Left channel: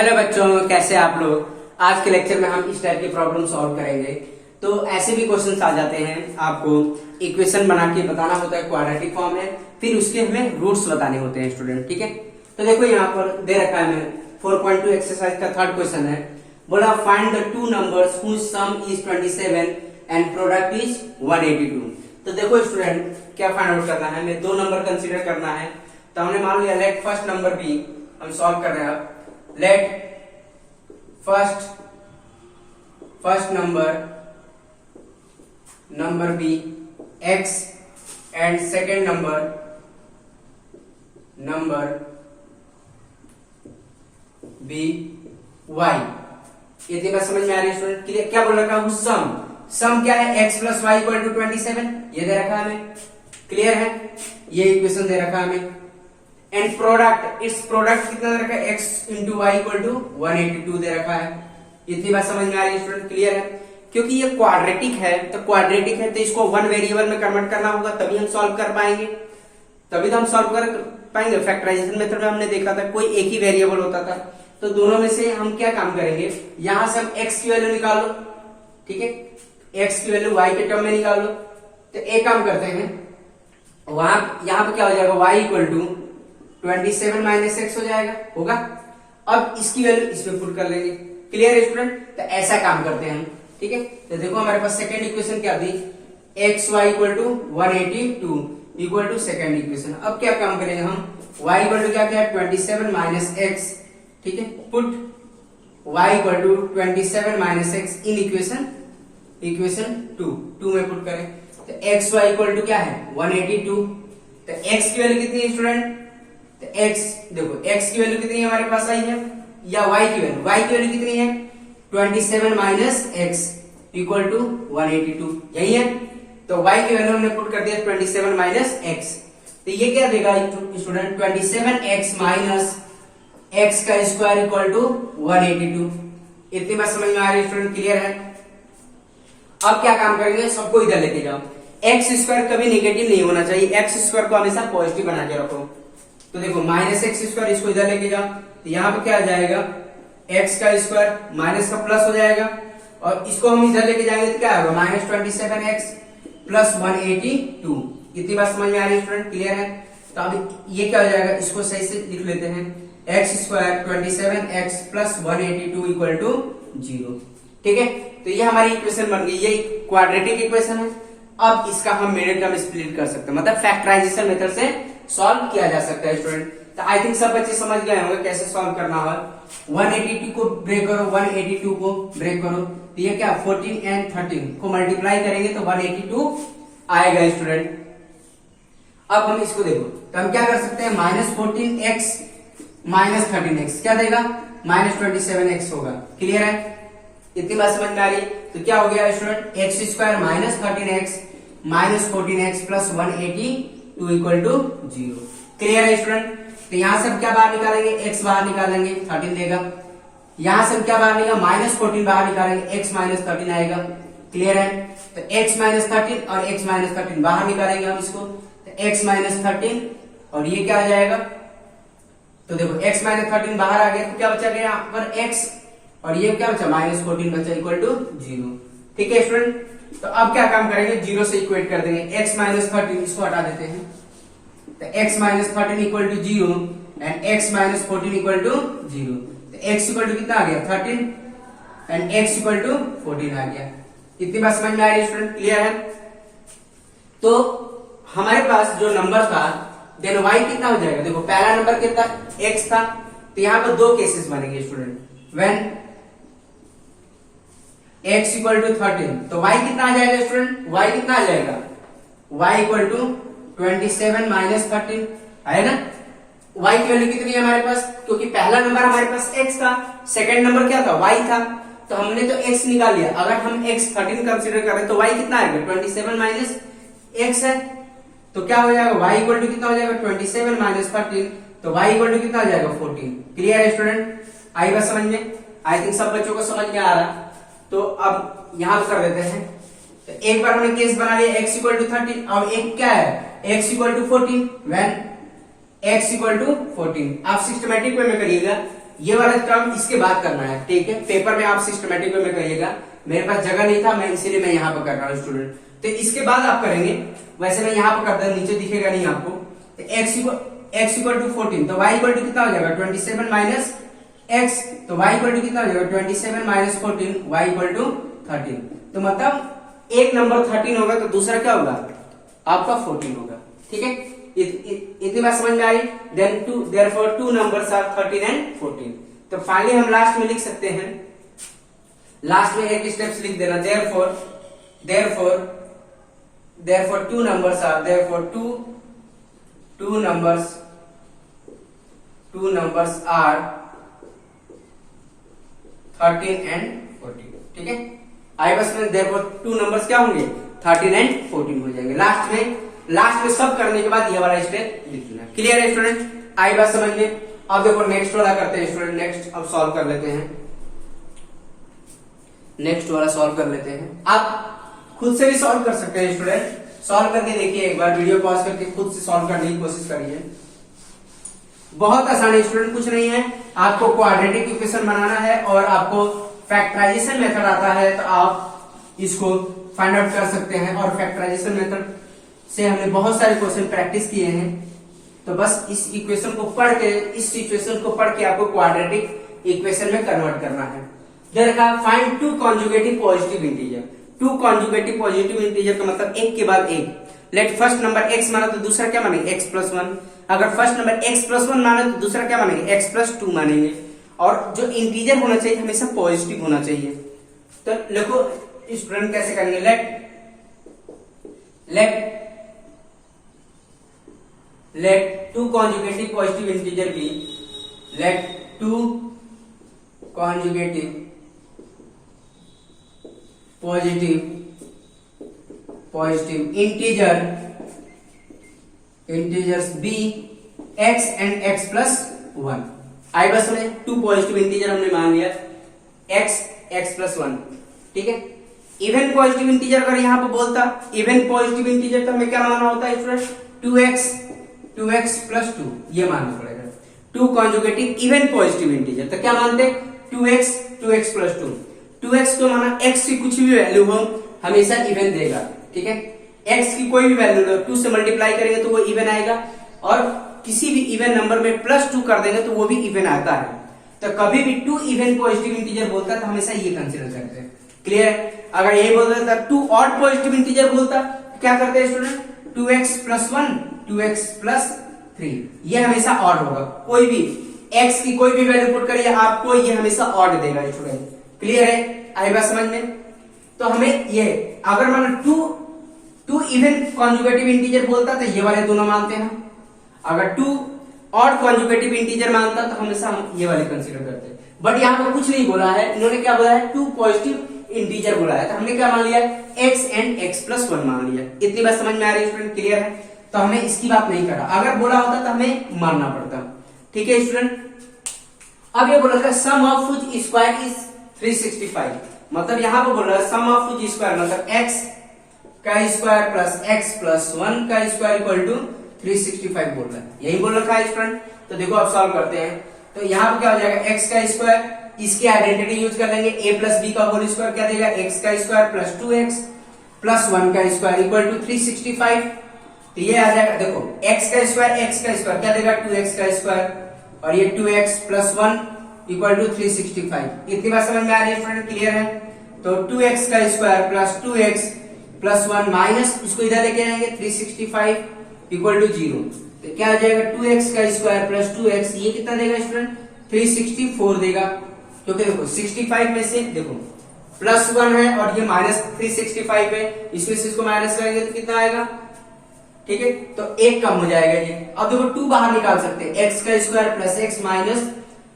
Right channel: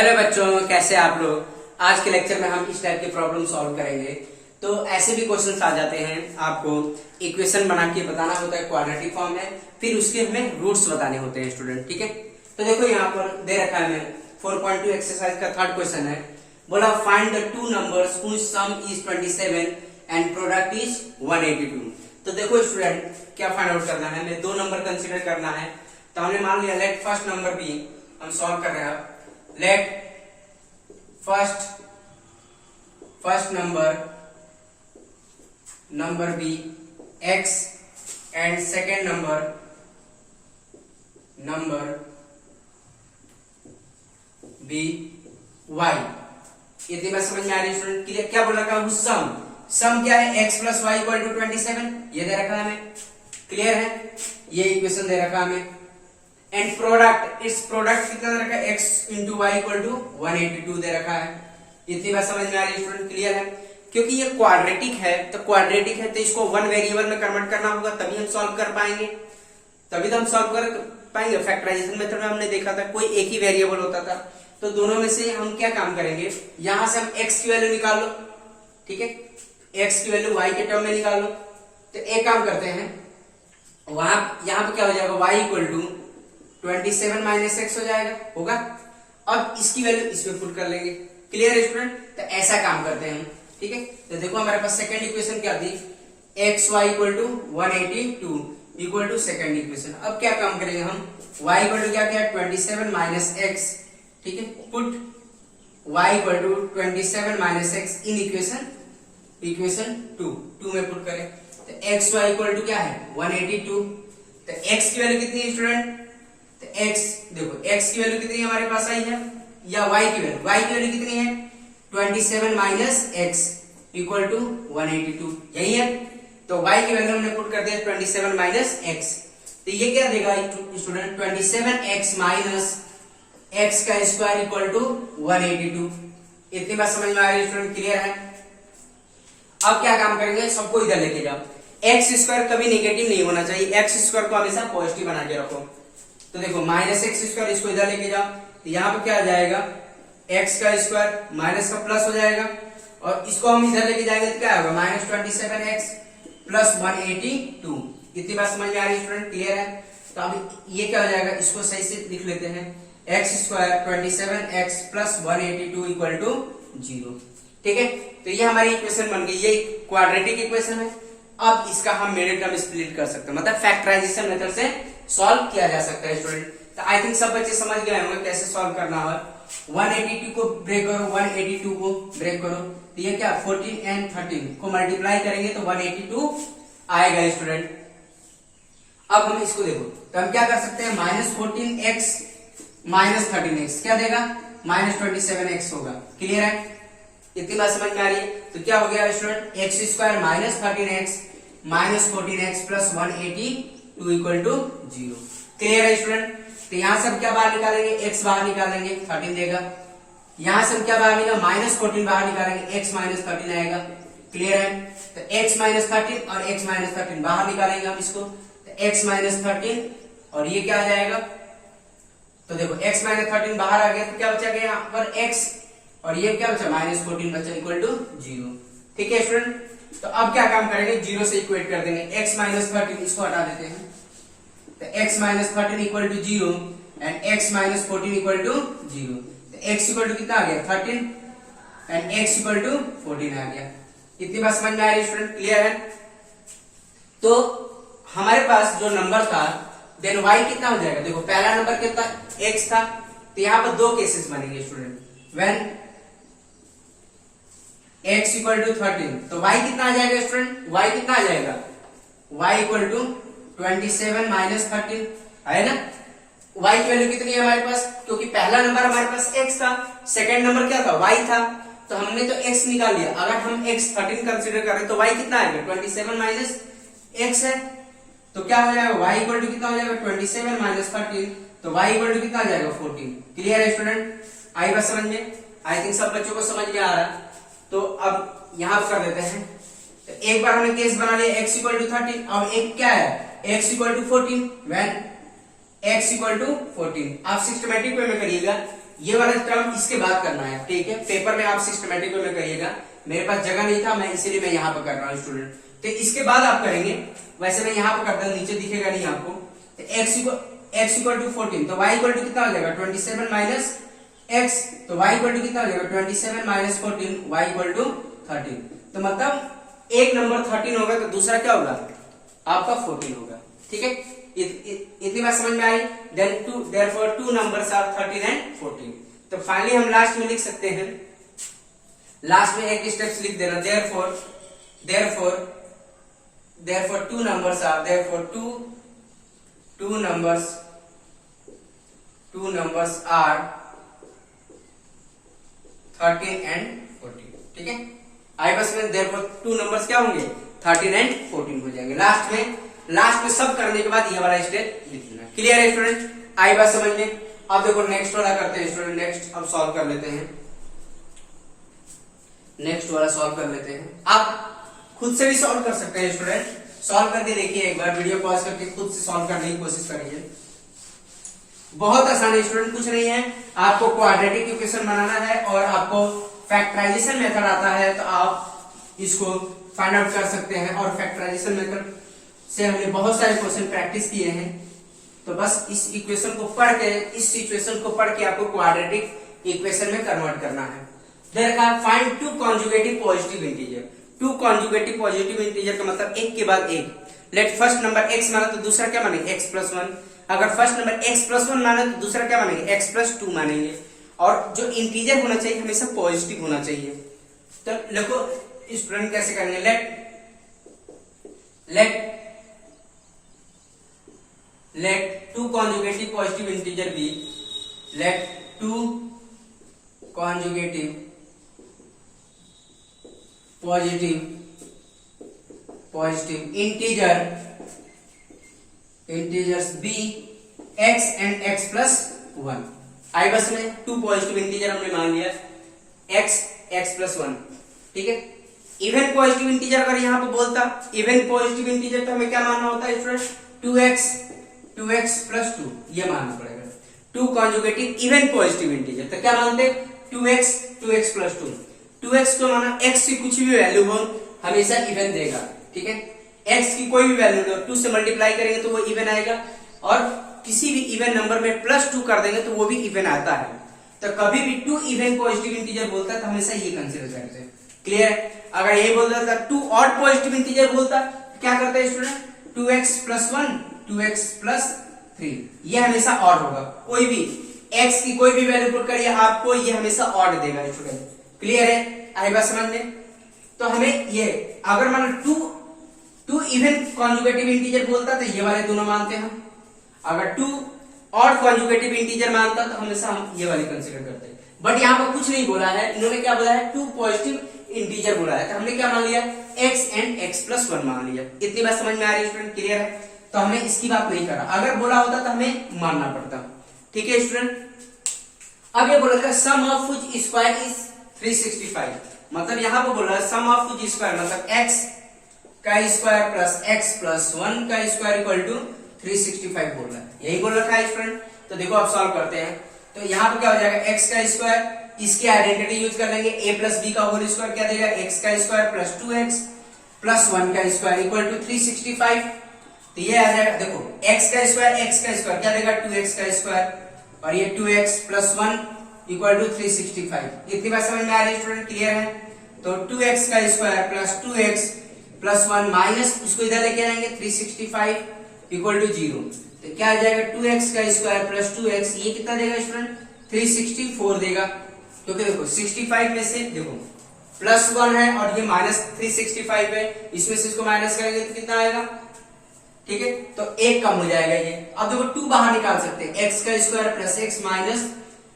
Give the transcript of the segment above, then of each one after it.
Hello बच्चों, कैसे आप लोग। आज के लेक्चर में हम इस टाइप की प्रॉब्लम सॉल्व करेंगे। तो ऐसे भी क्वेश्चंस आ जाते हैं, आपको इक्वेशन बना के बताना होता है क्वाड्रेटिक फॉर्म में, फिर उसके हमें रूट्स बताने होते हैं स्टूडेंट। ठीक है, तो देखो यहाँ पर दे रखा है मैं 4.2 एक्सरसाइज का थर्ड क्वेश्चन है। बोला find the two numbers whose sum is 27 and product is 182। तो देखो स्टूडेंट, क्या फाइंड आउट करना है, हमें दो नंबर कंसीडर करना है। तो हमने मान लिया लेट फर्स्ट नंबर बी, हम सॉल्व कर रहे हैं। Let first number be x and second number be y। यदि मैं समझ में आ रही है स्टूडेंट, क्लियर? क्या बोल रखा है, सम क्या है, x plus y equal to 27, ये दे रखा है हमें, क्लियर है, ये इक्वेशन दे रखा है हमें। एंड प्रोडक्ट, इस प्रोडक्ट कितना दे रखा है, x into y equal to 182 दे रखा है। इतनी बात समझ में आ रही है स्टूडेंट, क्लियर है? क्योंकि ये क्वाड्रेटिक है, तो इसको वन वेरिएबल में कन्वर्ट करना होगा, तभी हम सॉल्व कर पाएंगे, तभी तो हम सॉल्व कर पाएंगे। फैक्टराइजेशन मेथड में हमने देखा था कोई एक ही वेरिएबल होता था, तो दोनों में से हम क्या काम करेंगे, यहां से हम x की वैल्यू निकालो, ठीक है, x की वैल्यू y के टर्म में निकालो। तो एक काम करते हैं, यहां पे क्या हो जाएगा, y equal to 27 minus x हो जाएगा, होगा। अब इसकी वैल्यू इसमें पुट कर लेंगे, क्लियर है स्टूडेंट? तो ऐसा काम करते हैं हम, ठीक है। तो देखो हमारे पास सेकंड इक्वेशन क्या थी, x y equal to 182 equal to second equation. अब क्या काम करेंगे हम, y इक्वल टू क्या है 27 माइनस एक्स, ठीक है, put y equal to 27 minus x in equation 2 में पुट करें। तो एक्स वाई इक्वल टू क्या है 182। तो x की वैल्यू कितनी है स्टूडेंट, तो x देखो x की वैल्यू कितनी हमारे पास आई है, या y की वैल्यू कितनी है 27 माइनस एक्स इक्वल टू 182, यही है। तो y की वैल्यू हमने पुट कर दिया 27 माइनस एक्स। तो ये क्या देगा स्टूडेंट, 27x माइनस एक्स का स्क्वायर इक्वल टू 182। इतनी बात समझ में आ रही है स्टूडेंट, क्लियर है? अब क्या काम करेंगे, सबको इधर लेते जाओ। एक्स स्क्वायर कभी नेगेटिव नहीं होना चाहिए, एक्स स्क्वायर को हमेशा पॉजिटिव बना के रखो। तो देखो माइनस एक्स स्क्वायर, इसको इधर लेके जाओ, तो यहाँ पे क्या आ जाएगा, एक्स का स्क्वायर माइनस का प्लस हो जाएगा, और इसको हम इधर लेके जाएंगे तो क्या होगा, माइनस 27x प्लस 182। इतनी बात समझ में आ रही है स्टूडेंट, क्लियर है? तो अब ये क्या हो जाएगा, इसको सही से लिख लेते हैं, x square 27x plus 182 equal to 0, ठीक है। तो ये हमारी इक्वेशन बन गई, ये क्वाड्रेटिक इक्वेशन है। अब इसका हम मिडिल टर्म स्प्लिट कर सकते हैं, मतलब फैक्टराइजेशन मेथड से सॉल्व किया जा सकता है स्टूडेंट। तो आई थिंक सब बच्चे समझ गए होंगे कैसे सॉल्व करना है। 182 को ब्रेक करो, 182 को ब्रेक करो, तो ये क्या 14 एंड 13 को मल्टीप्लाई करेंगे तो 182 आएगा स्टूडेंट। अब हम इसको देखो, तो हम क्या कर सकते हैं, माइनस 14x माइनस 13x क्या देगा, माइनस 27x होगा, क्लियर है? इतनी बात समझ में आ रही है? तो क्या हो गया student, x square minus 13x minus 14x plus 182 equal to 0, clear है स्टूडेंट? तो यहां से हम क्या बाहर निकालेंगे, x बाहर निकालेंगे 13 देगा, यहां से हम क्या बाहर निकालेंगे, माइनस 14 बाहर निकालेंगे, x माइनस 13 आएगा, क्लियर है? तो x माइनस 13 और x माइनस 13 बाहर निकालेंगे हम इसको, तो x माइनस 13 और ये क्या आ जाएगा, तो देखो x माइनस 13 बाहर आ गया, तो क्या बचा गया यहाँ पर x, और ये क्या बचा माइनस 14 बचा इक्वल टू 0, ठीक है स्टूडेंट? तो अब क्या काम करेंगे, 0 से इक्वेट कर देंगे, x माइनस 13 इसको हटा देते हैं, तो x minus 13 equal to 0 and x minus 14 equal to 0। तो x इक्वल टू कितना आ गया 13 एंड x इक्वल टू 14 आ गया। इतनी बात समझ में आ रही है स्टूडेंट, क्लियर है? तो हमारे पास जो नंबर था, देन y कितना हो जाएगा, देखो पहला नंबर कितना x था, तो यहाँ पर दो केसेस बनेंगे student, when x equal to 13, तो y कितना आ जाएगा स्टूडेंट, y कितना आ जाएगा, y इक्वल टू 27 माइनस 13 है ना। y की वैल्यू कितनी है हमारे पास, क्योंकि पहला नंबर हमारे पास x था, सेकंड नंबर क्या था y था, तो हमने तो x निकाल लिया। अगर हम x 13 कंसीडर करें तो y कितना आएगा 27 माइनस x है, तो क्या हो जाएगा y इक्वल टू कितना हो जाएगा 27 माइनस 13, तो y इक्वल टू कितना आ जाएगा 14, क्लियर है स्टूडेंट? आई बात समझ में? आई थिंक सब बच्चों को समझ में आ रहा। तो अब यहां कर देते हैं, तो एक बार हमने केस बना लिया x इक्वल टू 13, अब एक क्या है x equal to 14, when x equal to 14। आप सिस्टमेटिक वे में करिएगा, ये वाला टर्म इसके बाद करना है, ठीक है। पेपर में आप सिस्टमेटिक वे में करिएगा, मेरे पास जगह नहीं था, मैं इसीलिए मैं यहाँ पर कर रहा हूँ स्टूडेंट। तो इसके बाद आप करेंगे, वैसे मैं यहाँ पर करता हूँ, नीचे दिखेगा नहीं आपको। तो x इक्वल टू 14, तो y इक्वल टू कितना हो जाएगा 27 माइनस x, तो y इक्वल टू कितना हो जाएगा 27 माइनस 14, y इक्वल टू 13। तो मतलब एक नंबर 13 होगा तो दूसरा क्या होगा आपका 14 होगा, ठीक है। इतनी बात समझ में आ रही। Therefore two numbers are 13 and 14। तो फाइनली हम लास्ट में लिख सकते हैं, लास्ट में एक स्टेप्स लिख देना, therefore two numbers are, therefore two numbers are 13 and 14, ठीक है। आई बस में देयरफॉर टू नंबर्स क्या होंगे 13 एंड 14 हो जाएंगे। लास्ट में सब करने के बाद ये वाला स्टेप लिख देना। क्लियर है स्टूडेंट, आई बात समझ में। अब देखो नेक्स्ट वाला करते हैं स्टूडेंट, नेक्स्ट अब सॉल्व कर लेते हैं, नेक्स्ट वाला सॉल्व कर लेते हैं। आप खुद से भी सॉल्व कर सकते हैं स्टूडेंट, सॉल्व करके देखिए, एक बार वीडियो पॉज करके खुद से सॉल्व करने की कोशिश करिए। बहुत आसान है स्टूडेंट, कुछ नहीं है, आपको क्वाड्रेटिक इक्वेशन बनाना है और आपको फैक्टराइजेशन मेथड आता है तो आप इसको फाइंड आउट कर सकते हैं। और फैक्टराइजेशन मेथड से हमने बहुत सारे क्वेश्चन प्रैक्टिस किए हैं, तो बस इस इक्वेशन को पढ़ के, इस इक्वेशन को पढ़ के आपको क्वाड्रेटिक इक्वेशन में कन्वर्ट करना है। देखा, find two conjugative positive integer. Two conjugative positive integer का मतलब एक के बाद एक। लेट फर्स्ट नंबर x माना तो दूसरा क्या मानेंगे x प्लस 1। अगर फर्स्ट नंबर x प्लस 1 माना तो दूसरा क्या मानेंगे x प्लस 2 मानेंगे। और जो इंटीजर होना चाहिए हमेशा पॉजिटिव होना चाहिए। तो देखो स्टूडेंट कैसे करेंगे, let two conjugative positive integer be, let two conjugative positive integers be x and x plus 1। आई बस में टू पॉजिटिव इंटीजर हमने मान लिया x प्लस 1, ठीक है। इवन पॉजिटिव इंटीजर अगर यहाँ पे बोलता इवन पॉजिटिव इंटीजर तो हमें क्या मानना होता है स्टूडेंट 2x प्लस 2, ये मानना पड़ेगा। Two conjugative even positive integer तो क्या मानते 2x प्लस 2। 2x को माना x की कुछ भी वैल्यू हो हमेशा इवन देगा, ठीक है। x की कोई भी वैल्यू लो 2 से मल्टीप्लाई करेंगे तो वो इवन आएगा, और किसी भी इवन नंबर में प्लस 2 कर देंगे तो वो भी इवन आता है। तो कभी भी टू इवन पॉजिटिव इंटीजर बोलता है तो हमेशा ये कंसीडर करते हैं। क्लियर है। अगर यही बोलता था टू ऑड पॉजिटिव इंटीजर बोलता तो क्या करते हैं student 2x plus 1 2x plus 3, ये हमेशा ऑड होगा। कोई भी x की कोई भी वैल्यू पुट करिए आपको ये हमेशा ऑड देगा स्टूडेंट। क्लियर है, आई बात समझ में। तो हमें ये अगर मान टू इवन कॉन्जुगेटिव इंटीजर बोलता तो ये वाले दोनों मानते हैं हम। अगर टू ऑड कॉन्जुगेटिव इंटीजर मानता तो हमेशा हम ये वाले कंसीडर करते हैं। बट यहाँ पर कुछ नहीं बोला है, इन्होंने क्या बोला है टू पॉजिटिव इंटीजर बोला है, तो हमने क्या मान लिया x एंड x प्लस 1 मान लिया। इतनी बात समझ में आ रही है स्टूडेंट, क्लियर है। तो हमने इसकी बात नहीं करा, अगर बोला होता तो हमें मानना पड़ता, ठीक है स्टूडेंट। अब ये बोला सम ऑफ व्हिच स्क्वायर इज 365, मतलब यहाँ पर बोल रहा है सम ऑफ व्हिच स्क्वायर मतलब x का स्क्वायर प्लस x प्लस 1 का स्क्वायर इक्वल टू 365 बोल रहा है, यही बोल रखा है स्टूडेंट। तो देखो अब सॉल्व करते हैं, तो यहाँ पे क्या हो जाएगा x का स्क्वायर, इसकी आइडेंटिटी यूज कर लेंगे a प्लस बी का होल स्क्वायर क्या देगा x का स्क्वायर प्लस 2x प्लस 1 का स्क्वायर इक्वल टू 365। तो ये आ जाएगा, देखो x का स्क्वायर क्या देगा 2x का स्क्वायर और ये 2x प्लस 1 इक्वल टू 365। इतनी बात समझ में आ रही है स्टूडेंट, क्लियर है। तो 2x का square plus 2x plus 1 minus इसको इधर लेके आएंगे 365 इक्वल टू 0। तो क्या आ जाएगा 2x का स्क्वायर प्लस 2x, ये कितना देगा स्टूडेंट 364 देगा, क्योंकि देखो 65 में से देखो प्लस 1 है और ये माइनस 365 है, इसमें से इसको माइनस करेंगे तो कितना आएगा, ठीक है। तो एक कम हो जाएगा ये। अब देखो 2 बाहर निकाल सकते हैं, x का स्क्वायर प्लस x माइनस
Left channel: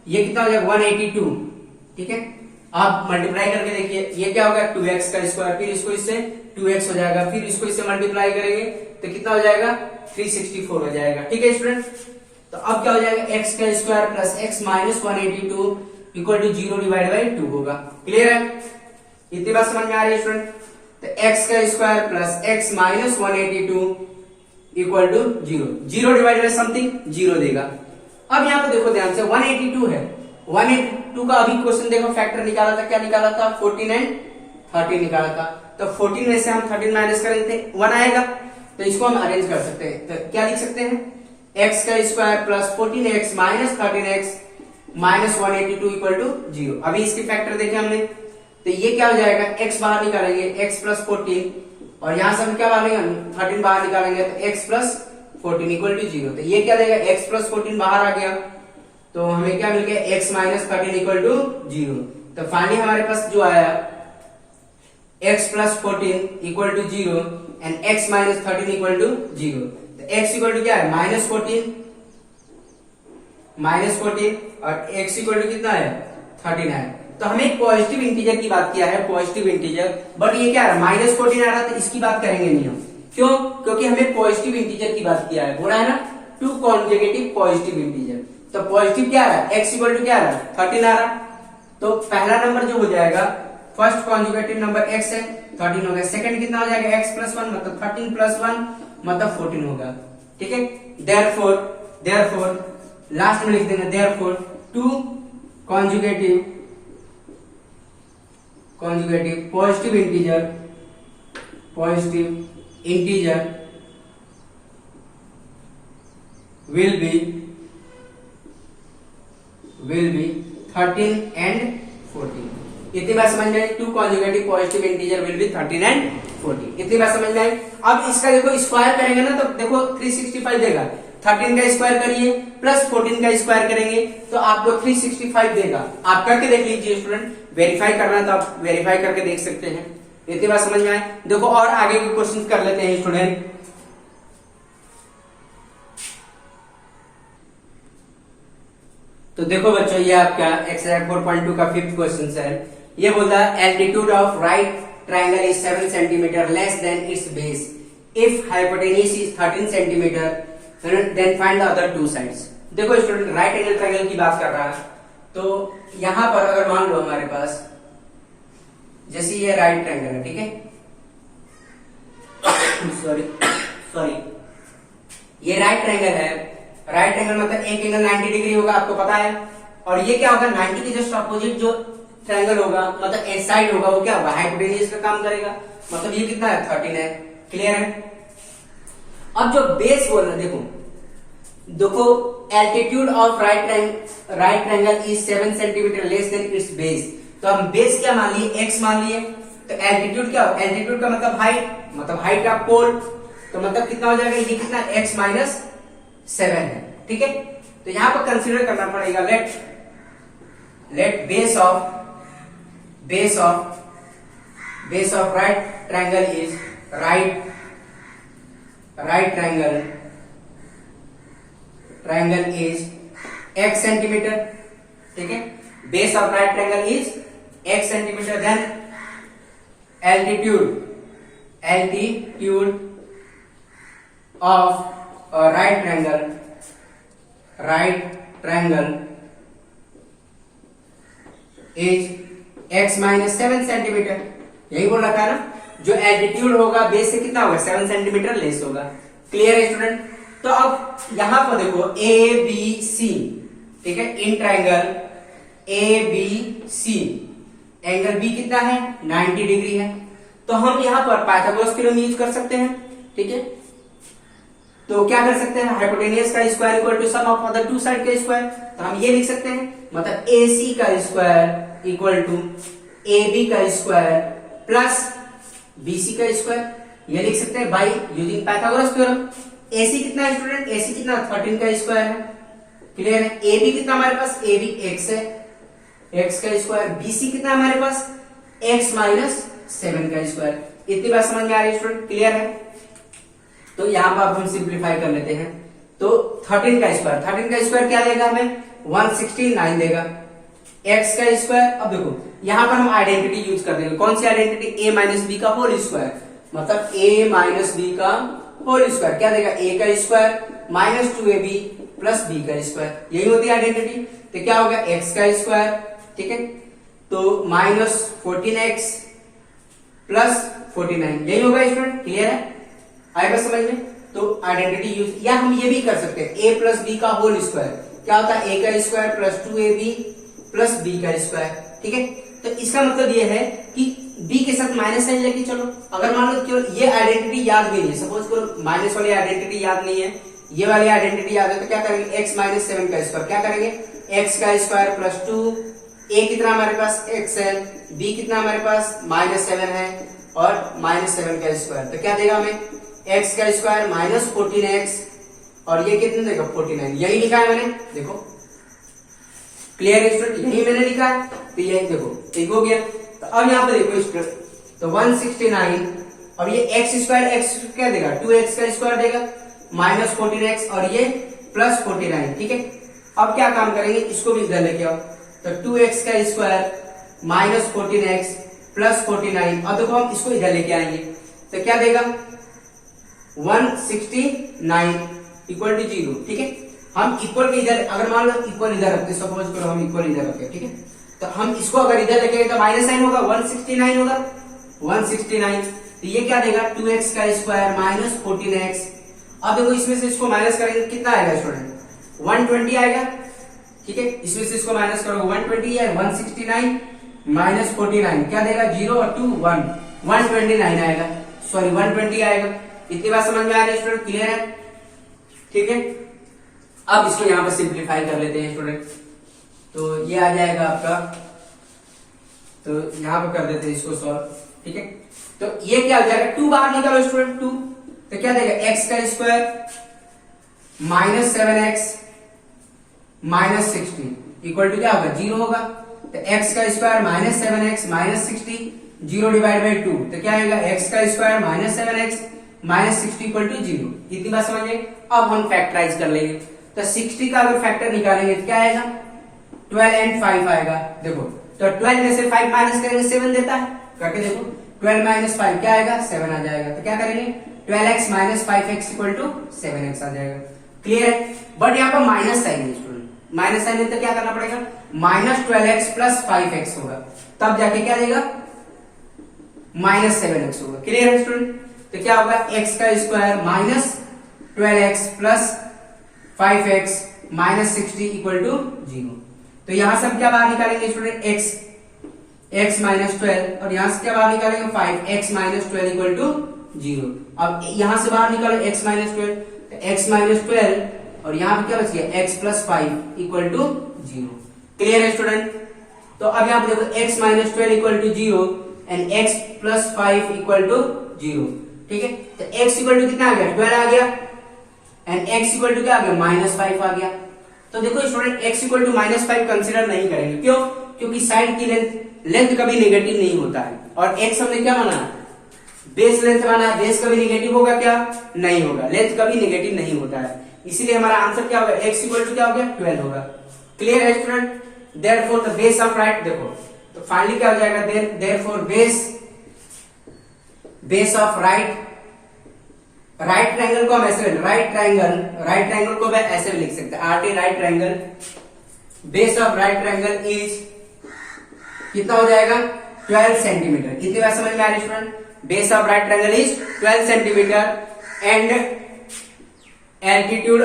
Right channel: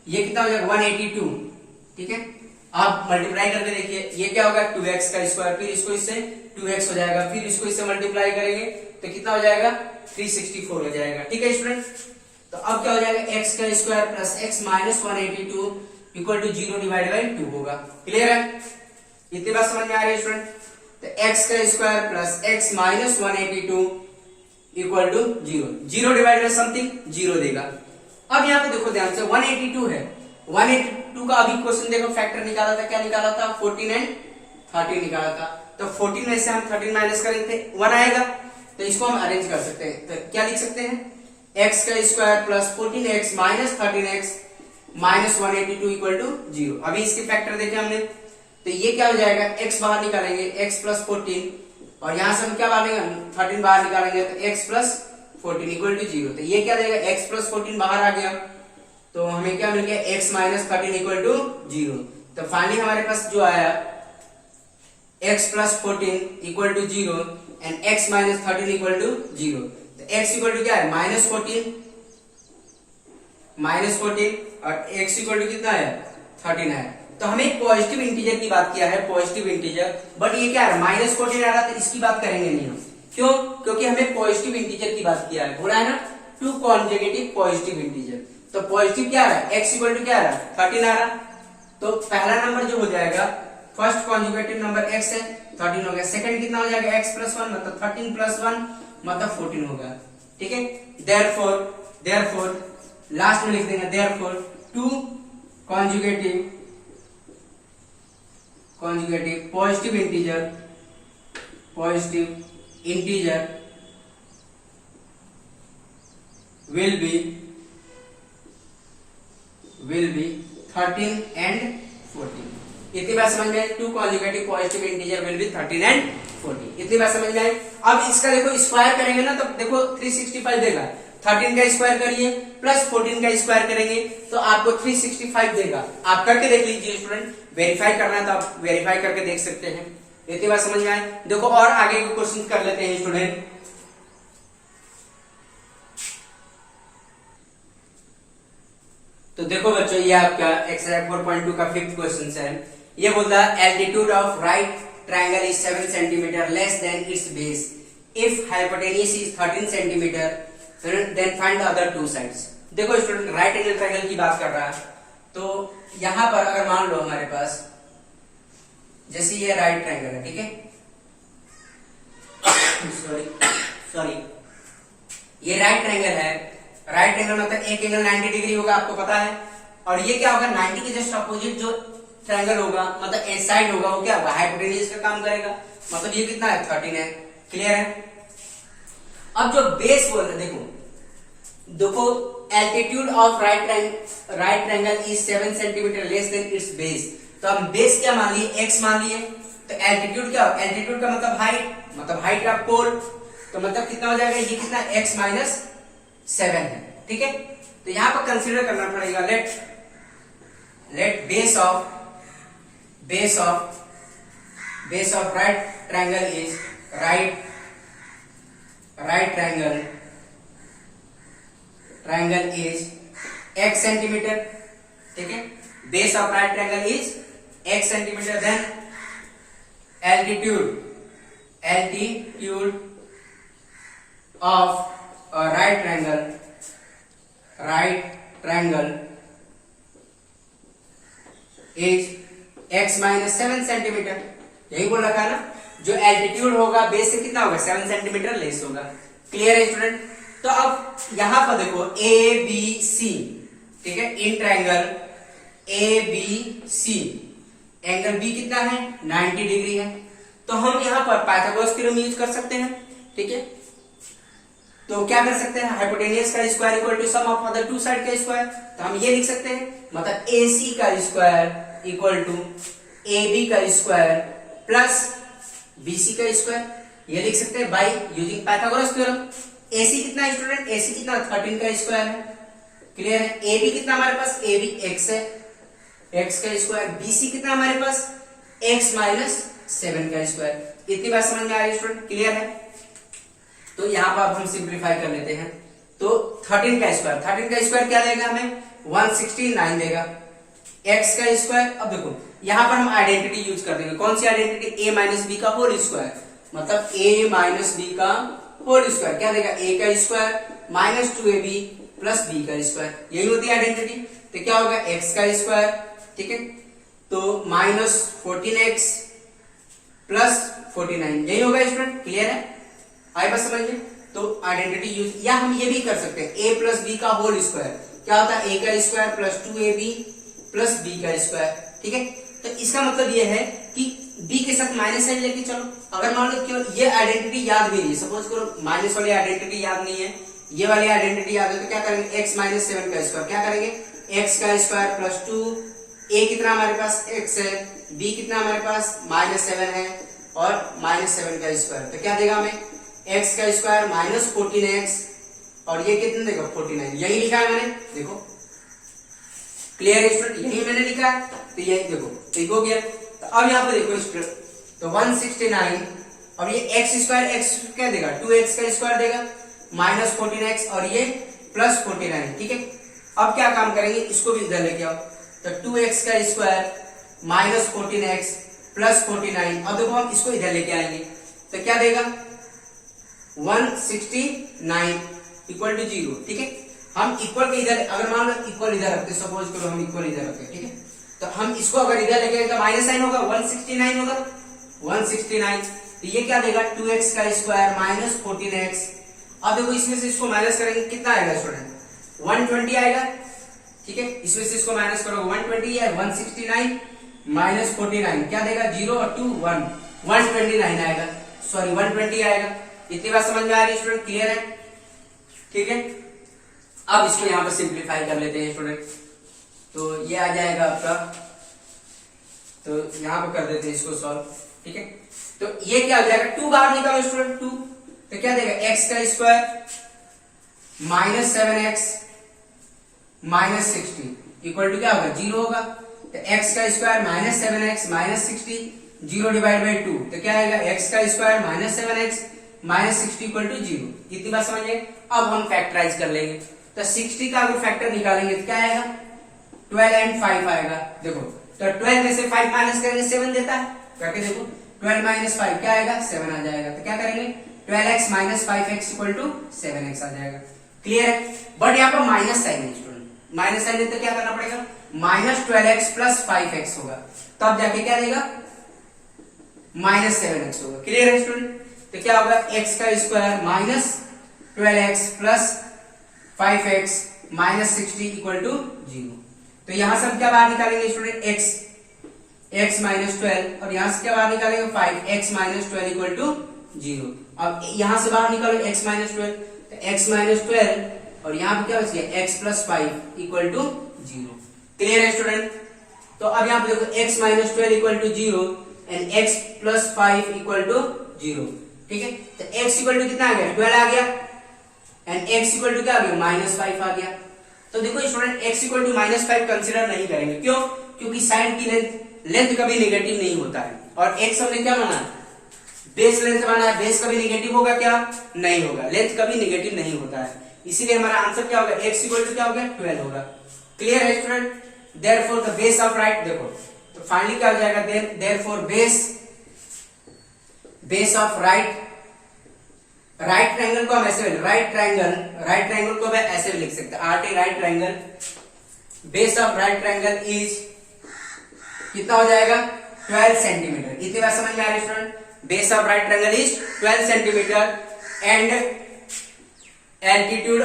ये कितना हो जाएगा 182, ठीक है। आप मल्टीप्लाई करके देखिए ये क्या होगा 2x का स्क्वायर, फिर इसको इससे 2x हो जाएगा, फिर इसको इससे मल्टीप्लाई करेंगे तो कितना हो जाएगा 364 हो जाएगा, ठीक है स्टूडेंट। तो अब क्या हो जाएगा x का square plus x minus 182 equal to 0 divide by 2 होगा। क्लियर है, इतनी बात समझ में आ रही है स्टूडेंट। तो x का square plus x minus 182 equal to 0 divide by something 0 देगा। अब यहाँ पे देखो ध्यान से 182 है, 182 का अभी क्वेश्चन देखो फैक्टर निकाला था, क्या निकाला था? 14 एंड 13 निकाला था। तो 14 में से हम 13 माइनस करेंगे तो 1 आएगा, तो इसको हम अरेंज कर सकते हैं। तो क्या लिख सकते हैं? x का square plus 14x minus 13x minus 182 equal to 0। अभी इसके फैक्टर देखे हमने, तो ये क्या हो जाएगा? x बाहर निकालेंगे, x प्लस 14, और यहां से हम क्या मानेंगे? 13 बाहर निकालेंगे तो x प्लस 14 इक्वल टू 0। तो ये क्या देगा? x प्लस 14 बाहर आ गया, तो हमें क्या मिल गया? x minus 13 equal to 0। तो फाइनली हमारे पास जो आया x plus 14 equal to 0 and x minus 13 equal to 0। तो x इक्वल टू क्या है? माइनस 14 और x इक्वल टू कितना है? 13 है। तो हमें पॉजिटिव इंटीजर की बात किया है, पॉजिटिव इंटीजर, बट ये क्या है? माइनस 14 आ रहा, तो इसकी बात करेंगे नहीं हम। क्यों? क्योंकि हमें पॉजिटिव इंटीजर की बात किया है, बोला है ना, टू कॉन्जुगेटिव पॉजिटिव इंटीजर। तो पॉजिटिव क्या आ रहा है? x इक्वल टू क्या आ रहा है? 13 आ रहा। तो पहला नंबर जो हो जाएगा, फर्स्ट कॉन्जुगेटिव नंबर x है, 13 हो गया। सेकंड कितना हो जाएगा? x प्लस 1 मतलब 13 प्लस 1 मतलब 14 होगा। ठीक है, देयरफॉर लास्ट में लिख देंगे therefore two conjugative positive integer will be 13 and 14। इतनी बात समझ में आई? Two conjugative positive integer will be 13 and 14। इतनी बात समझ में आई? अब इसका देखो स्क्वायर करेंगे ना, तो देखो 365 देगा। 13 का स्क्वायर करिए प्लस 14 का स्क्वायर करेंगे तो आपको 365 देगा। आप करके देख लीजिए स्टूडेंट, वेरीफाई करना है तो आप वेरीफाई करके देख सकते हैं। इतनी बात समझ में आए? देखो और आगे के क्वेश्चन कर लेते हैं स्टूडेंट। तो देखो बच्चों, ये आपका एक्सरसाइज 4.2 का 5th क्वेश्चन है। ये बोलता है altitude of right triangle is 7 centimetre less than its base if hypotenuse is 13 centimetre then find the other two sides. देखो स्टूडेंट, राइट एंगल ट्राइंगल की बात कर रहा है, तो यहां पर अगर मान लो हमारे पास जैसे ये राइट ट्राइंगल है, ठीक है, सॉरी ये राइट ट्राइंगल है। राइट एंगल मतलब एक एंगल 90 डिग्री होगा, आपको पता है, और ये क्या होगा? 90 के जस्ट अपोजिट जो ट्राइंगल होगा मतलब एस साइड होगा, वो क्या होगा? हाइपोटेन्यूज का काम करेगा। मतलब ये कितना है? 13 है। क्लियर है? अब जो बेस बोल रहे, देखो altitude of right triangle is 7 centimetre less than its base. तो हम बेस क्या मान लिए? x मान लिए। तो एल्टीट्यूड क्या हो? एल्टीट्यूड का मतलब हाइट, मतलब हाइट का पोल, तो मतलब कितना हो जाएगा? ये कितना? x माइनस 7 है। ठीक है, तो यहां पर कंसीडर करना पड़ेगा, let base of right triangle is right triangle is x centimetre. ठीक है, base of right triangle is x centimetre. Then altitude of right triangle is x minus 7 centimetre. यही बोल रखा है ना, जो एल्टीट्यूड होगा बेस से कितना होगा? 7 सेंटीमीटर लेस होगा। क्लियर है स्टूडेंट? तो अब यहां पर देखो ए बी सी, ठीक है, in triangle A B C angle B कितना है? 90 डिग्री है। तो हम यहां पर पाइथागोरस थ्योरम यूज कर सकते हैं। ठीक है, तो क्या कर सकते हैं? हाइपोटेन्यूज का square equal to sum of other two side का स्क्वायर। तो हम ये लिख सकते हैं, मतलब ए सी का square equal to A B का स्क्वायर प्लस बी सी का स्क्वायर। ये लिख सकते हैं by using Pythagoras theorem. A C कितना है स्टूडेंट? ए सी कितना? 13 का स्क्वायर है। क्लियर है? ए बी कितना हमारे पास? ए बी एक्स है, एक्स का स्क्वायर। बी सी कितना हमारे पास? एक्स माइनस 7 का स्क्वायर। इतनी बात समझ में आ रही है स्टूडेंट? क्लियर है? तो यहां पर अब हम सिंप्लीफाई कर लेते हैं। तो 13 का स्क्वायर क्या देगा हमें? 169 देगा। x का स्क्वायर, अब देखो यहां पर हम आइडेंटिटी यूज कर देंगे। कौन सी आइडेंटिटी? a माइनस बी का होल स्क्वायर, मतलब a माइनस बी का होल स्क्वायर क्या देगा? a का square minus 2ab plus b का स्क्वायर। यही होती है आइडेंटिटी। तो क्या होगा? x का स्क्वायर, ठीक है, तो माइनस 14x प्लस 49, यही होगा स्टूडेंट। क्लियर है? आए बस समझ में? तो आइडेंटिटी यूज, या हम ये भी कर सकते हैं a प्लस बी का होल स्क्वायर क्या होता है? a का square plus 2ab plus B का स्क्वायर। ठीक है, तो इसका मतलब ये है कि बी के साथ माइनस साइन लेके चलो। अगर मान लो कि ये आइडेंटिटी याद भी नहीं है, सपोज करो माइनस वाली आइडेंटिटी याद नहीं है, ये वाली आइडेंटिटी याद है, तो क्या करेंगे, x माइनस 7 का स्क्वायर, क्या करेंगे, x का स्क्वायर प्लस 2, a कितना हमारे पास x है, b कितना हमारे पास माइनस 7 है, और माइनस 7 का स्क्वायर, तो क्या देगा हमें, x का स्क्वायर माइनस 14x, और ये कितना देगा 49। यही लिखा है मैंने, देखो क्लियर है स्टूडेंट, यही मैंने लिखा है, तो यही देखो ठीक हो गया। तो अब यहाँ पे देखो स्टूडेंट, तो 169, अब ये x स्क्वायर, x क्या देगा, 2x का स्क्वायर देगा माइनस 14x, और ये प्लस 49। ठीक है, अब क्या काम करेंगे, इसको भी इधर लेके आओ, तो 2x का स्क्वायर माइनस 14x प्लस 49, अब देखो हम इसको इधर लेके आएंगे, तो क्या देगा 169 इक्वल टू 0। ठीक है, हम इक्वल के इधर, अगर मान लो इक्वल इधर रखते, सपोज करो हम इक्वल इधर रखते, ठीक है, तो हम इसको अगर इधर लेके आए तो माइनस साइन होगा, 169 होगा, 169, तो ये क्या देगा 2x का स्क्वायर माइनस 14x। अब देखो इसमें से इसको माइनस करेंगे, कितना आएगा स्टूडेंट, 120 आएगा। ठीक है, इसमें से इसको माइनस करो, 120 है, 169 माइनस 49 क्या देगा, 0 और 2 1, 129 आएगा, सॉरी 120 आएगा। इतनी बात समझ में आ रही है स्टूडेंट, क्लियर है? ठीक है, अब इसको यहां पर सिंप्लीफाई कर लेते हैं स्टूडेंट, तो ये आ जाएगा आपका, तो यहां पर कर देते हैं इसको सॉल्व। ठीक है, तो ये क्या हो जाएगा, 2 बाहर निकालो स्टूडेंट, 2, तो क्या देगा x का square minus 7x minus 60 equal to क्या होगा, 0 होगा। तो x का square minus 7x minus 60, 0 divide by 2, तो क्या आएगा x का square minus 7x minus 60 equal to 0। इतनी बात समझिए। अब हम फैक्टराइज कर लेंगे, तो 60 का अगर फैक्टर निकालेंगे तो क्या आएगा, 12 एंड 5 आएगा। देखो, तो 12 में से 5 माइनस करेंगे 7 देता है, करके देखो, 12 माइनस 5 क्या आएगा, 7 आ जाएगा। तो क्या करेंगे, 12x minus 5x equal to 7x आ जाएगा। क्लियर है? बट यहाँ पर माइनस साइन है स्टूडेंट, माइनस साइन है तो क्या करना पड़ेगा, माइनस 12x प्लस 5x होगा, तब जाके क्या देगा, माइनस 7x होगा। क्लियर है स्टूडेंट? तो क्या होगा, x का square minus 12x plus 5x minus 60 equal to 0। तो यहां से हम क्या बाहर निकालेंगे स्टूडेंट, x माइनस 12, और यहां से क्या बाहर निकालेंगे 5x माइनस 12 इक्वल टू 0। अब यहां से बाहर निकालो x माइनस 12, तो x माइनस 12, और यहां पे क्या बच गया, x plus 5 equal to 0। Clear है स्टूडेंट? तो अब यहां पे देखो x minus 12 equal to 0 and x plus 5 equal to 0। ठीक है, तो x इक्वल टू कितना आ गया, 12 आ गया, एंड x इक्वल टू क्या आ गया, माइनस 5 आ गया। तो देखो student, x equal to minus 5 consider नहीं करेंगे, क्यों, क्योंकि साइड की लेंथ कभी नेगेटिव नहीं होता है, और x हमने क्या माना, बेस लेंथ माना है, बेस कभी नेगेटिव होगा क्या, नहीं होगा, लेंथ कभी नेगेटिव नहीं होता है, इसीलिए हमारा आंसर क्या होगा, x इक्वल टू क्या हो गया, 12 होगा। क्लियर है student? Therefore the base of right, देखो तो फाइनली क्या हो जाएगा, therefore base of right triangle को हम ऐसे, राइट ट्रायंगल को मैं ऐसे भी लिख सकते हैं, RT right triangle, base of right triangle is कितना हो जाएगा, 12 सेंटीमीटर। इतनी बात समझ में आ रही है student? Base of right triangle is 12 centimetre and altitude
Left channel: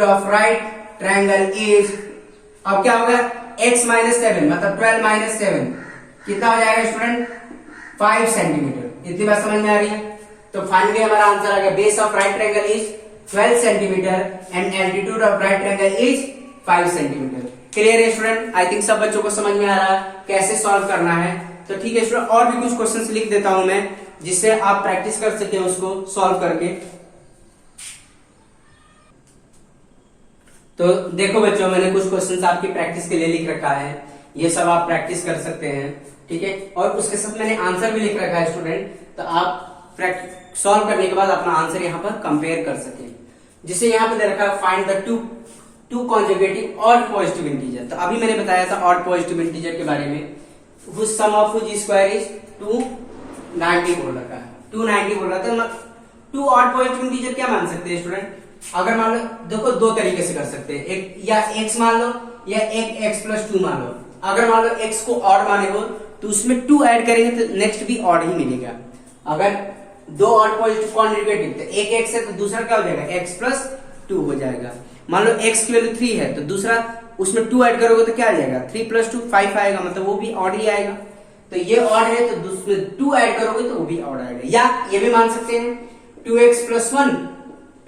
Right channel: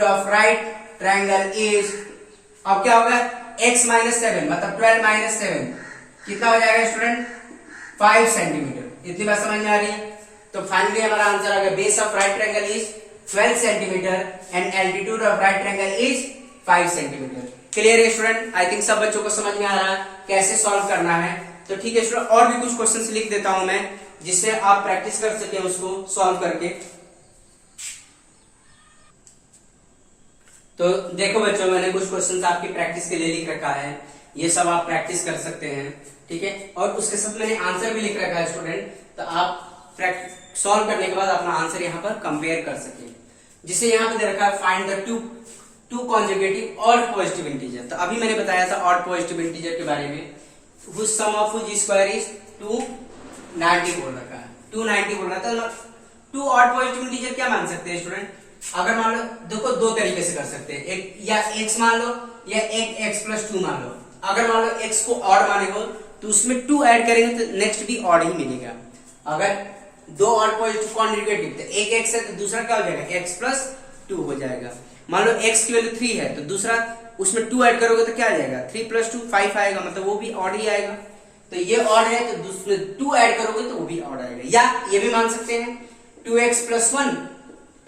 of right triangle is, अब क्या होगा, x माइनस 7 मतलब 12 माइनस 7 कितना हो जाएगा स्टूडेंट, 5 सेंटीमीटर। इतनी बात समझ में आ रही है? तो फाइनली हमारा आंसर आ गया, base of right triangle is 12 centimetre and altitude of right triangle is 5 centimetre. Clear है स्टूडेंट? आई थिंक सब बच्चों को समझ में आ रहा है कैसे सॉल्व करना है। तो ठीक है स्टूडेंट, और भी कुछ क्वेश्चंस लिख देता हूं मैं, जिससे आप प्रैक्टिस कर सके उसको सॉल्व करके। तो देखो बच्चों, मैंने कुछ क्वेश्चंस आपकी प्रैक्टिस के लिए लिख रखा है, ये सब आप प्रैक्टिस कर सकते हैं। ठीक है, और उसके साथ मैंने आंसर भी लिख रखा है स्टूडेंट, तो आप सॉल्व करने के बाद अपना आंसर यहाँ पर कंपेयर कर सके। जिसे यहाँ पे दे रखा है, find the to conjugative odd positive integer. तो अभी मैंने बताया था ऑड पॉजिटिव इंटीजर के बारे में, whose sum of whose square is 290 बोल रखा है, 290 बोल रहा था। टू ऑड पॉजिटिव इंटीजर क्या मान सकते हैं स्टूडेंट, अगर मान लो, देखो दो तरीके से कर सकते हैं, एक या x मान लो या एक x प्लस 2 मान लो। अगर मान लो x को ऑड माने हो तो उसमें 2 ऐड करेंगे तो नेक्स्ट भी ऑड ही मिलेगा। अगर दो ऑड पॉजिटिव कॉन्जुगेटिव, तो एक x है तो दूसरा क्या हो जाएगा, x प्लस 2 हो जाएगा। मान लो x की वैल्यू 3 है तो दूसरा उसमें 2 ऐड करोगे तो क्या आ जाएगा, 3 + 2 5 आएगा, मतलब वो भी ऑड ही आएगा। तो ये ऑड है तो दूसरे 2 ऐड करोगे तो वो भी ऑड आएगा। या ये भी मान सकते हैं 2x + 1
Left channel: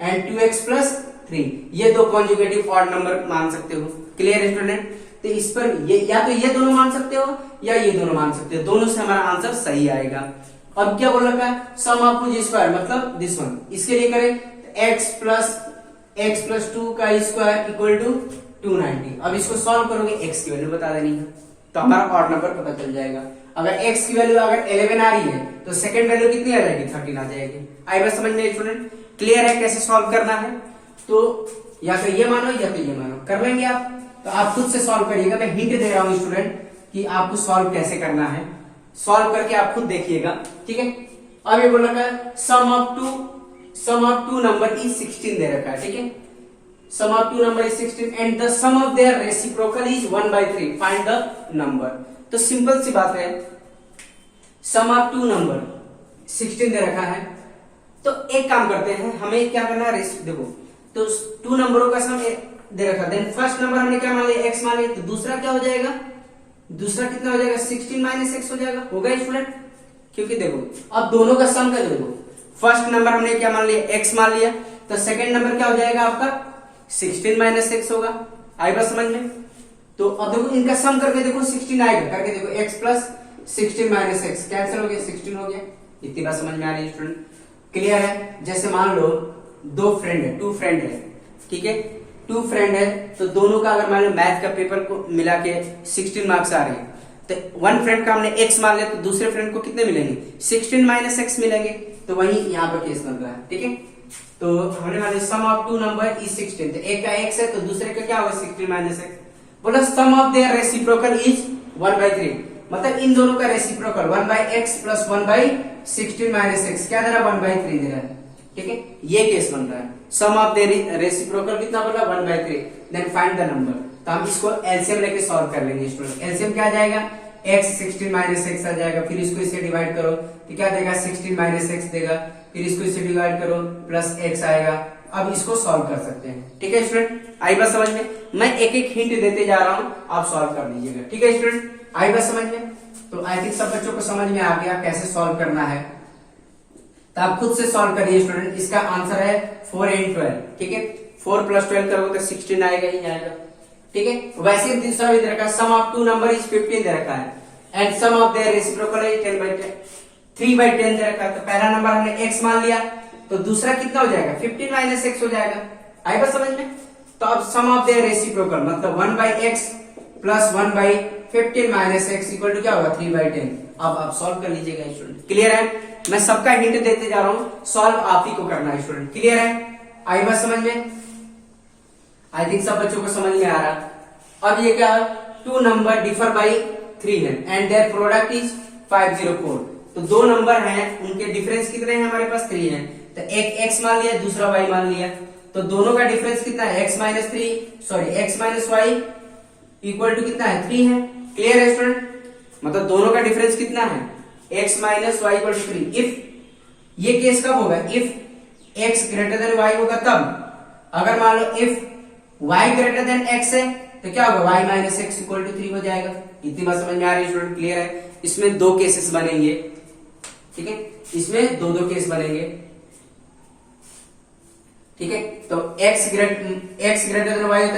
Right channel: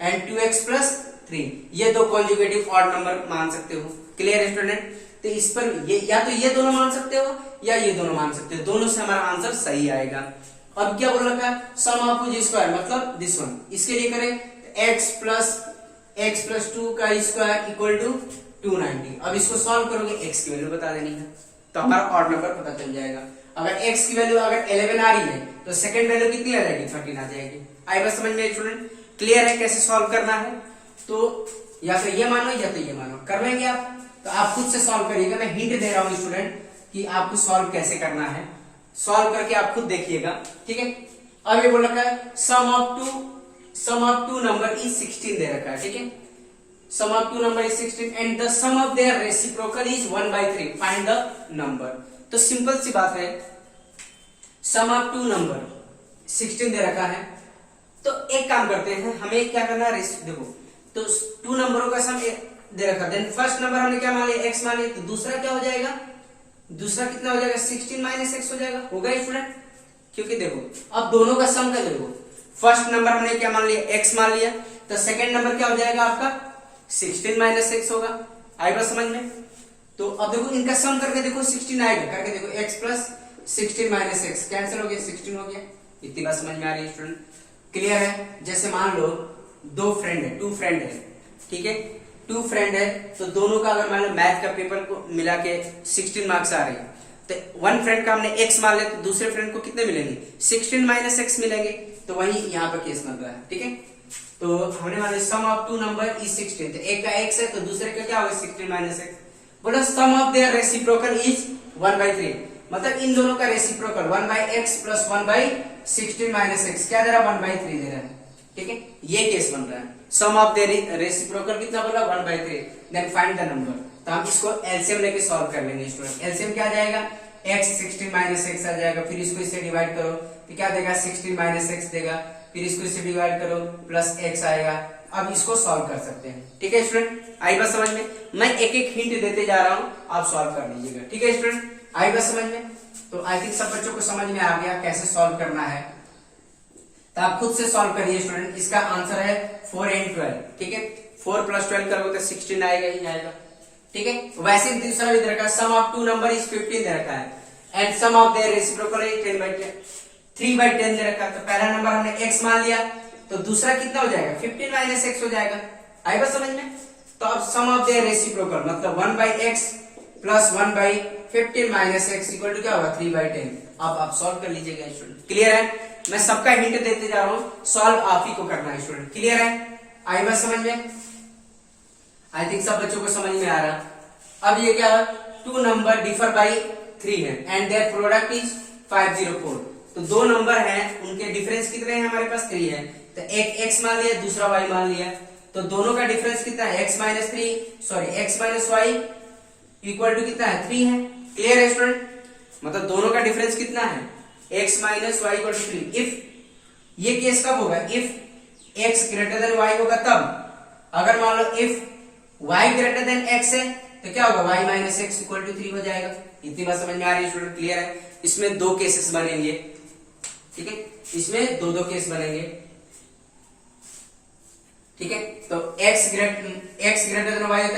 एंड 2x + 3, ये दो कॉन्जुगेटिव ऑड नंबर मान सकते हो। क्लियर है स्टूडेंट? तो इस पर ये या तो ये दोनों मान सकते हो या ये दोनों मान सकते हो, दोनों से हमारा आंसर सही आएगा। अब क्या बोल रखा है, सम ऑफ टू स्क्वायर मतलब दिस वन, इसके लिए करें तो x + 2 का स्क्वायर इक्वल टू 290। अब इसको सॉल्व करोगे x की वैल्यू बता देनी है तो हमारा ऑड नंबर पता चल जाएगा। अगर x की वैल्यू अगर 11 आ रही है तो सेकंड वैल्यू कितनी आ जाएगी, 13 आ जाएगी। आई बात समझ में स्टूडेंट? क्लियर है कैसे सॉल्व करना है? तो या तो ये मानो या तो ये मानो, कर लेंगे आप, तो आप खुद से सॉल्व करिएगा। मैं हिंट दे रहा हूं स्टूडेंट कि आपको सॉल्व कैसे करना है, सॉल्व करके आप खुद देखिएगा, ठीक है। अब ये बोल रखा है sum of two number is 16 दे रखा है, ठीक है। Sum of two number is 16 and the sum of their reciprocal is 1/3, find the number. तो सिंपल सी बात है, सम ऑफ टू नंबर 16 दे रखा है, तो एक काम करते हैं, हमें क्या करना है, देखो तो 2 नंबरों का सम दे रखा, देन फर्स्ट नंबर हमने क्या मान लिया, x मान लिया, तो दूसरा क्या हो जाएगा, दूसरा कितना हो जाएगा, 16 - x हो जाएगा, होगा स्टूडेंट? क्योंकि देखो अब दोनों का सम कर दो, फर्स्ट नंबर हमने क्या मान लिया, x मान लिया, तो सेकंड नंबर क्या हो जाएगा आपका 16 - x होगा। आई बात समझ में? तो अब देखो इनका सम करके देखो 16 आएगा, करके देखो x + 16 - x कैंसिल हो गया, 16 हो गया। इतनी बात समझ में आ रही है स्टूडेंट? क्लियर है? जैसे मान लो टू फ्रेंड है, ठीक है, 2 फ्रेंड है, तो दोनों का अगर मान लो मैथ का पेपर को मिला के 16 मार्क्स आ रहे हैं, तो वन फ्रेंड का हमने x मान लिया, तो दूसरे फ्रेंड को कितने मिलेंगे, 16 - x मिलेंगे। तो वही यहाँ पर केस बन रहा है, ठीक है। तो हमने मान लिया सम ऑफ टू नंबर इज 16, तो एक का x है तो दूसरे का क्या होगा 16 - x। बोला सम ऑफ देयर रेसिप्रोकल इज 1/3, मतलब इन दोनों का रेसिप्रोकल 1/x + 1/16 - x क्या दे रहा है, 1/3 दे रहा है, ठीक है। ये केस बन रहा है, सम ऑफ देयर रेसिप्रोकल कितना बोला, 1/3, देन फाइंड द नंबर। तो हम इसको एलसीएम लेके सॉल्व कर लेंगे स्टूडेंट। एलसीएम क्या आ जाएगा, x 16 - x आ जाएगा, फिर इसको इससे डिवाइड करो तो क्या देगा, 16 - x देगा, फिर इसको इससे डिवाइड करो प्लस x आएगा। अब इसको सॉल्व कर सकते हैं, ठीक है स्टूडेंट? आई बात समझ में? मैं एक एक हिंट देते जा रहा हूं, आप सॉल्व कर लीजिएगा, ठीक है स्टूडेंट? आई बात समझ में? तो आई थिंक सब बच्चों को समझ में आ गया कैसे सॉल्व करना है, तो आप खुद से सॉल्व करिए स्टूडेंट। इसका आंसर है 4 × 12, ठीक है। 4 + 12 करोगे तो 16 आएगा ही आएगा, ठीक है। वैसे ही दूसरा भी दे रखा है, sum of two number is 15 दे रखा है and sum of their reciprocal is 3/10 दे रखा है। तो पहला नंबर हमने x मान लिया, तो दूसरा कितना हो जाएगा, 15 - x हो जाएगा। आई बात समझ में? तो अब सम ऑफ देयर रेसिप्रोकल मतलब 1/x + 1/15 - x इक्वल टू क्या होगा, 3/10। अब आप सॉल्व कर लीजिएगा स्टूडेंट। क्लियर है? मैं सबका हिंट देते जा रहा हूं, सॉल्व आप ही को करना है स्टूडेंट। क्लियर है? आई बात समझ में? आई थिंक सब बच्चों को समझ में आ रहा। अब ये क्या है, 2 नंबर डिफर बाय 3 है एंड देयर प्रोडक्ट इज 504। तो 2 नंबर हैं, उनके डिफरेंस कितने हैं, हमारे पास 3 है। तो एक x मान लिया, दूसरा y मान लिया, तो दोनों का डिफरेंस कितना है, x - y इक्वल टू कितना है, 3 है। क्लियर है स्टूडेंट? मतलब दोनों का डिफरेंस कितना है, x - y equal to 3। If ये केस कब होगा, इफ x > y होगा तब। अगर मान लो इफ y > x है तो क्या होगा, y - x इक्वल टू 3 हो जाएगा। इतनी बात समझ में आ रही है स्टूडेंट? क्लियर है? इसमें 2 केसेस बनेंगे, ठीक है, इसमें 2 केस बनेंगे, ठीक है। तो x > y तो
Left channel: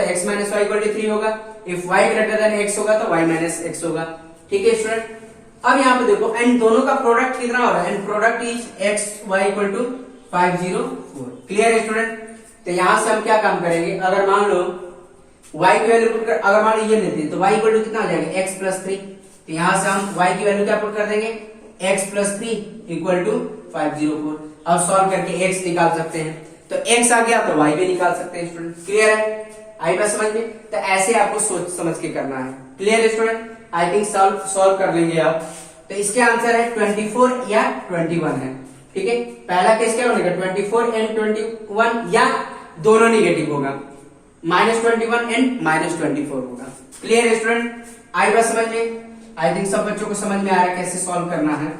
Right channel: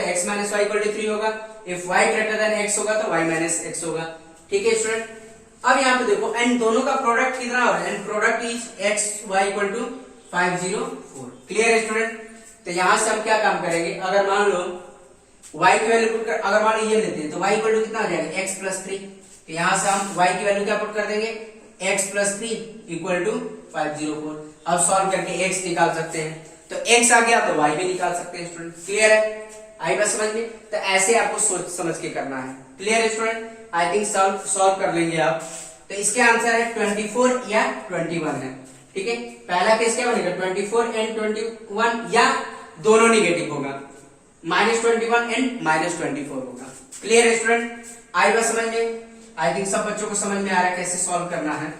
x - y इक्वल टू 3 होगा, इफ y > x होगा तो y - x होगा, ठीक है स्टूडेंट। अब यहाँ पे देखो एंड दोनों का प्रोडक्ट कितना हो रहा है, and product is x y equal to 504। Clear है स्टूडेंट? तो यहां से हम क्या काम करेंगे, अगर मान लो y की वैल्यू पुट कर, अगर मान लो ये लेते हैं तो y इक्वल टू कितना हो जाएगा, x + 3। तो यहां से हम y की वैल्यू क्या पुट कर देंगे, x + 3 इक्वल टू 504। अब सॉल्व करके x निकाल सकते हैं, तो x आ गया तो y भी निकाल सकते हैं स्टूडेंट। क्लियर है? आई बात समझ में? तो ऐसे आपको सोच समझ के करना है। क्लियर है स्टूडेंट? आई थिंक सॉल्व कर लेंगे आप। तो इसके आंसर है 24 या 21 है, ठीक है। पहला केस क्या बनेगा, 24 एंड 21 या दोनों निगेटिव होगा, -21 एंड -24 होगा। क्लियर है स्टूडेंट? आई बात समझ में? आई थिंक सब बच्चों को समझ में आ रहा है कैसे सॉल्व करना है।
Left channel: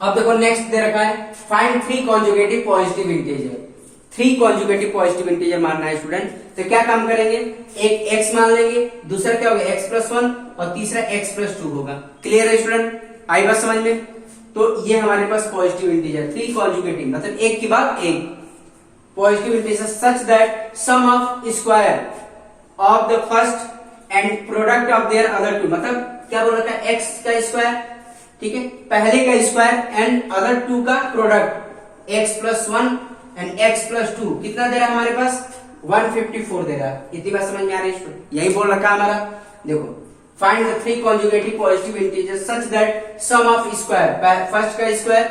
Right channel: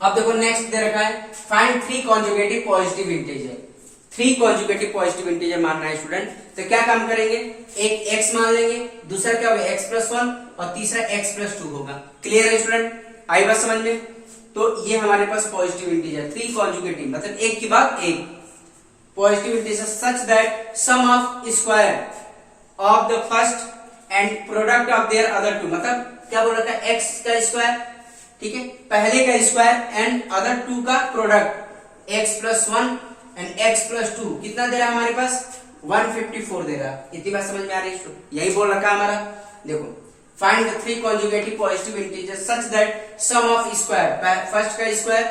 अब देखो नेक्स्ट दे रखा है, find 3 conjugative positive integer. 3 conjugative positive integer मानना है स्टूडेंट, तो क्या काम करेंगे, एक x मान लेंगे, दूसरा क्या होगा x+1 और तीसरा x+2 होगा। क्लियर है स्टूडेंट, आई बात समझ में। तो ये हमारे पास पॉजिटिव इंटीजर 3 कॉन्जुगेटिव मतलब एक के बाद एक positive integer such that sum of square of the first and product of their other two, मतलब क्या बोल रखा है, x का स्क्वायर, ठीक है, पहले का स्क्वायर एंड अदर टू का प्रोडक्ट x+1 एंड x+2 कितना दे रहा है हमारे पास 154 दे रहा है। इतनी बात समझ में आ रही है, यही बोल रखा है हमारा। देखो find the 3 conjugative positive integer such that sum of square first का square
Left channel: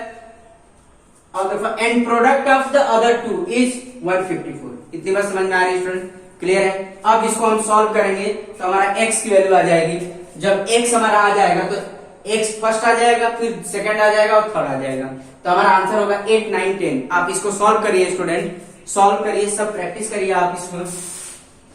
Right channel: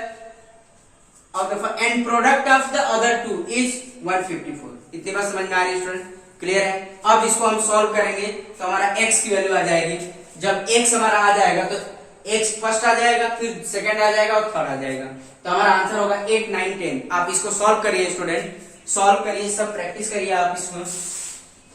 of the and product of the other two is 154। इतनी बात समझ में आ रही है स्टूडेंट, क्लियर है। अब इसको हम सॉल्व करेंगे तो हमारा x की वैल्यू आ जाएगी, जब x हमारा आ जाएगा तो x फर्स्ट आ जाएगा, फिर सेकंड आ जाएगा और थर्ड आ जाएगा, तो हमारा आंसर होगा 8, 9, 10। आप इसको सॉल्व करिए स्टूडेंट, सॉल्व करिए, सब प्रैक्टिस करिए आप इसको।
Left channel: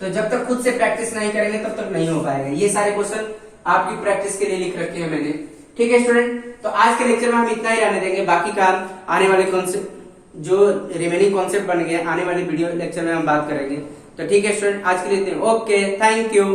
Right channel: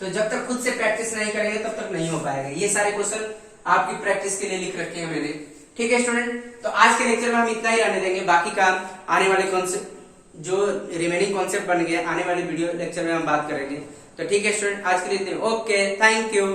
तो जब तक खुद से प्रैक्टिस नहीं करेंगे तब तक नहीं हो पाएगा। ये सारे क्वेश्चन आपकी प्रैक्टिस के लिए लिख रखे हैं मैंने, ठीक है स्टूडेंट। तो आज के लेक्चर में हम इतना ही रहने देंगे, बाकी काम आने वाले कॉन्सेप्ट जो रिमेनिंग कॉन्सेप्ट बन गए आने वाले वीडियो लेक्चर में हम बात करेंगे। तो ठीक है स्टूडेंट, आज के लिए इतने, ओके, थैंक यू।